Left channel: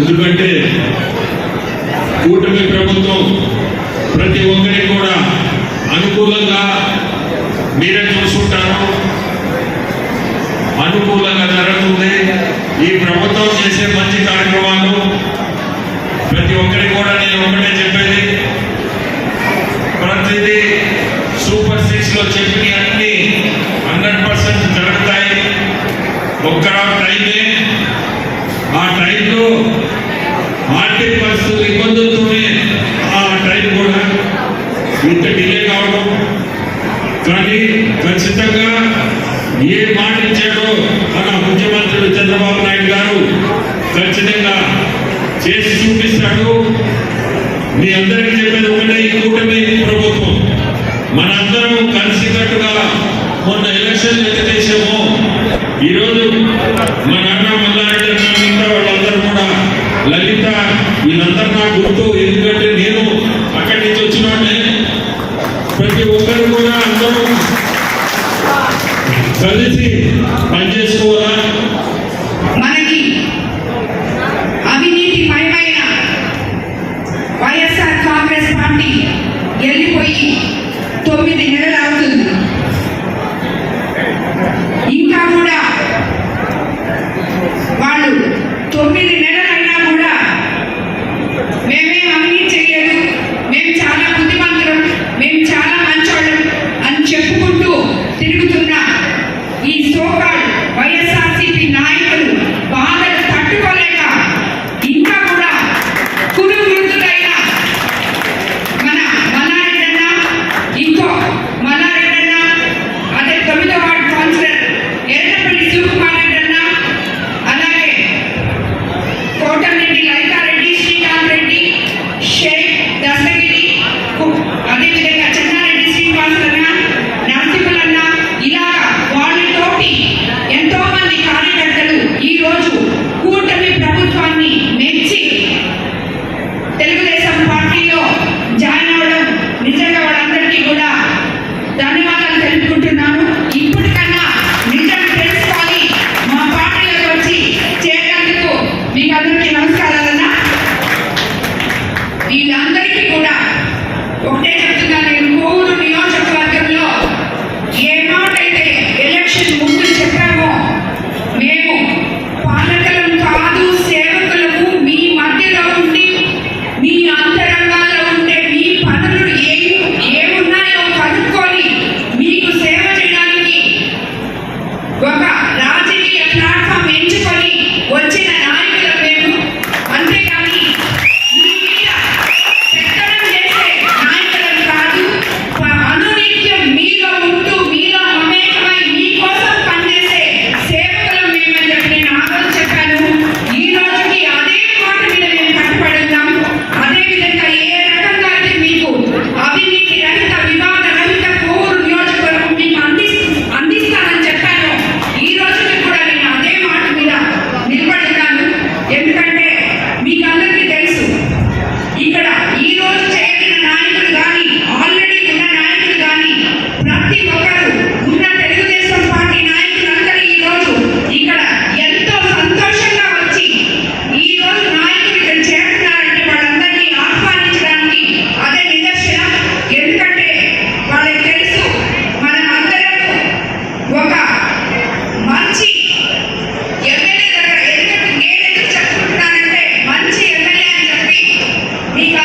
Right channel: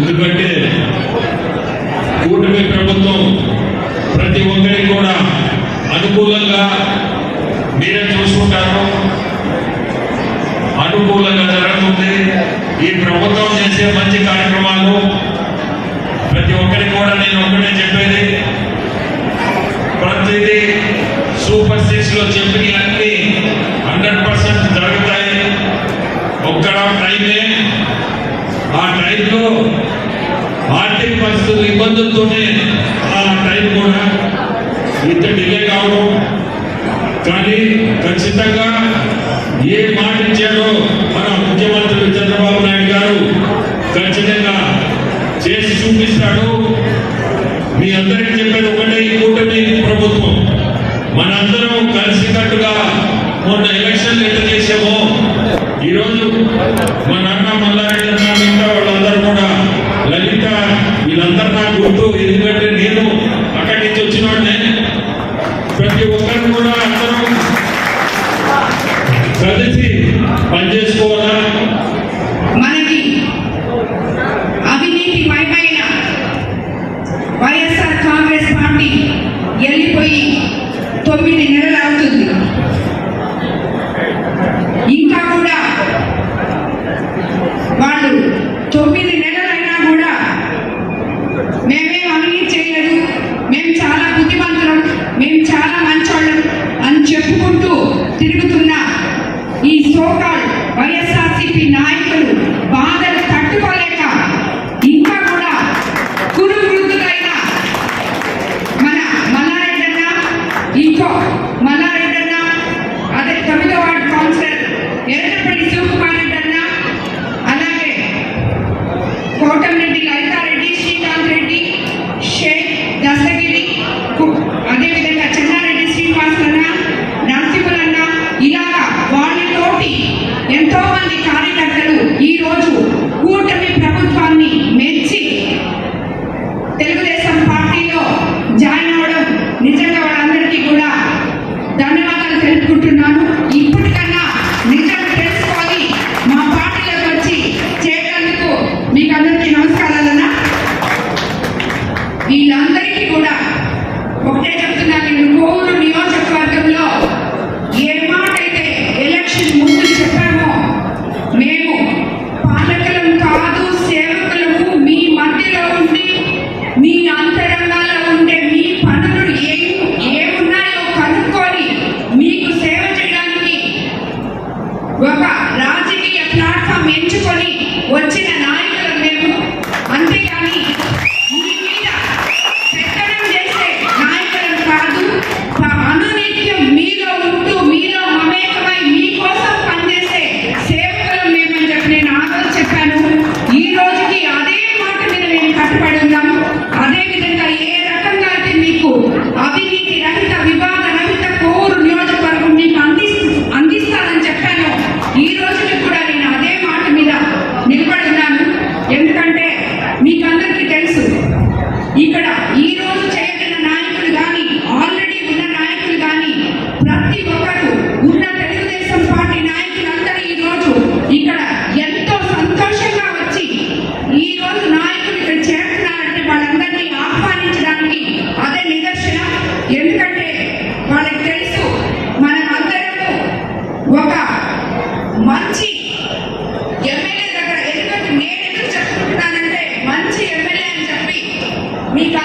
ఎందుకంటే కూటమి ప్రభుత్వం ప్రతి ఒక్కరికి కూడా అనుకూలంగా మీరే చూసుకుంటారు, అనుకూలంగా జరుగుతుంది. ఈ ప్రభుత్వం చేసే మంచి కార్యక్రమాలు ప్రతి ఒక్కరికి కూడా నేను ఒకటే చెప్పేది, ప్రతిదీ సూపర్ 6 లో చెప్పిన అన్ని 100% జరుగుతాయి. ఒక్క టైమే, ఆ టైంలో ఆర్థిక పరిస్థితులు ఇబ్బందులతోనే ఆ టైం కూడా ఇంత డిలే కావడం, కానీ ఖచ్చితంగా ఏ మాట ఇచ్చారో మన ముఖ్యమంత్రి చంద్రబాబు నాయుడు గారు ఖచ్చితంగా చేసి చూపిస్తాడు. మీ అందరికీ చెప్పేది ఒకటే, ఈ కూటమి ప్రభుత్వం మనందరం కలిసికట్టుగా మొన్న ఎలక్షన్లు ఎంత చేసామో ఈరోజు మా నాన్న మల్లారెడ్డి మిగతా వాళ్ళందరూ కూడా, లలిత, వీళ్ళందరూ నాకు గుర్తు. ఎందుకంటే నేను అక్కడి నుంచి వచ్చిన వాడిని. ప్రతి ఒక్కరు కూడా అందరూ కలిసి పనిచేసుకోవాలా. మనకి అవినీతిమయమైన వైఎస్ఆర్ కాంగ్రెస్ పార్టీ వెళ్ళిపోయి 9 నెలలు అవుతుంది. ఇంకా కూడా వాళ్ళు 9 నెలలైనా కూడా మేమేం అవినీతి చేయలేదు, మేము చాలా బుద్ధిమంతులం, మేము చాలా మంచోళ్ళం అని చెప్పుకుంటూ తిరుగుతున్న ఈ సోకాల్ వైఎస్ఆర్సీపీ నాయకులు బాధలు తట్టుకోలేక ఇంకా కూడా కురు వృద్ధులైన మన మల్లారెడ్డన్న, ఇంకో మల్లారెడ్డన్న, అదే 9వ వార్డు కౌన్సిలర్ ఎర్రపల్లి శివకుమార్ రెడ్డన్న, అలాగే కోటమిరెడ్డి లలితారెడ్డి, శ్రీకాంత్ రెడ్డి, షేక్ దశగిరి, అదేవిధంగా చెన్నారెడ్డి శ్రీనివాసన్న, నరసింహులన్న, ఇలా వాళ్ళతోటి ఎంతో మంది కార్యకర్తలు ఈ రోజు కూటమి ప్రభుత్వాన్ని మెచ్చి తెలుగుదేశం పార్టీలో జాయిన్ అవ్వడం నిజంగా వాళ్ళందరికీ కూడా ధన్యవాదాలు తెలుపుకుంటున్నాను. ఇప్పటికన్నా నిజం తెలుసుకొని మా పార్టీలోకి వచ్చి చేరేందుకు మీకు అందరికీ నమస్కారాలన్నా. వీళ్ళందరికీ కూడా ఒకటే చెప్తున్నాను, నేను కోవూరు నియోజకవర్గంలో ఏ మాట అయితే ఎలక్షన్ ముందు చెప్పామో, మేము పాలకులం కాదు, సేవకులము, మీ మధ్యలో ఉండి మీ అంతరంగాల్లో ఉండే మీ పనులు ఏమున్నాయో కనుక్కొని మీకు సేవ చేయడానికి ఒక రాజకీయ ప్లాట్ఫామ్ ఎంచుకొని వచ్చిన నాయకులం మేము. అంతేగాని మీ మీద పెత్తనం చేసే నాయకులం కాదు. అనునిత్యం మీలో ఉంటూ మీలో మమేకమై మీకోసం పనిచేసే సేవకులం మేమని చెప్పి నేను ఆ రోజు చెప్పాను. ఈ రోజుకి అదే మాట మీద మేము కట్టుబడి ఉన్నాం. అదేవిధంగా ఏ రకంగా అయితే మీకు అవినీతి రహిత, వివాద రహిత కోవూరు నియోజకవర్గం మీకు అందిస్తానని చెప్పాను, ఈ రోజుకి కూడా నేను అదే మాట మీద నిలబడి ఉన్నాను. ఎందుకంటే మీకు అందరికీ తెలుసు, ఇక్కడ ఈ రోజు చేయగలిగిన నాయకులు కానీ, ఆల్రెడీ ఉన్న నాయకులు కానీ, ప్రతి ఒక్కరు ఉన్న తెలుగుదేశం పార్టీ నాయకులందరూ ఈ రోజు ఇక్కడ ఎంతో సంతోషంగా వచ్చి ఈ రోజు నాయకులు ఇక్కడ చేరుతున్నారంటే వాళ్ళందరినీ ఆహ్వానించడానికి అదే నిదర్శనం. ఎందుకంటే వాళ్ళకి తెలుసు మనం అందరం ఒక మంచి ఎమ్మెల్యే దగ్గర, ఎందుకంటే నేను ఎందుకు చెప్పుకుంటున్నానంటే మంచి ఎమ్మెల్యే అని చెప్పి మీకు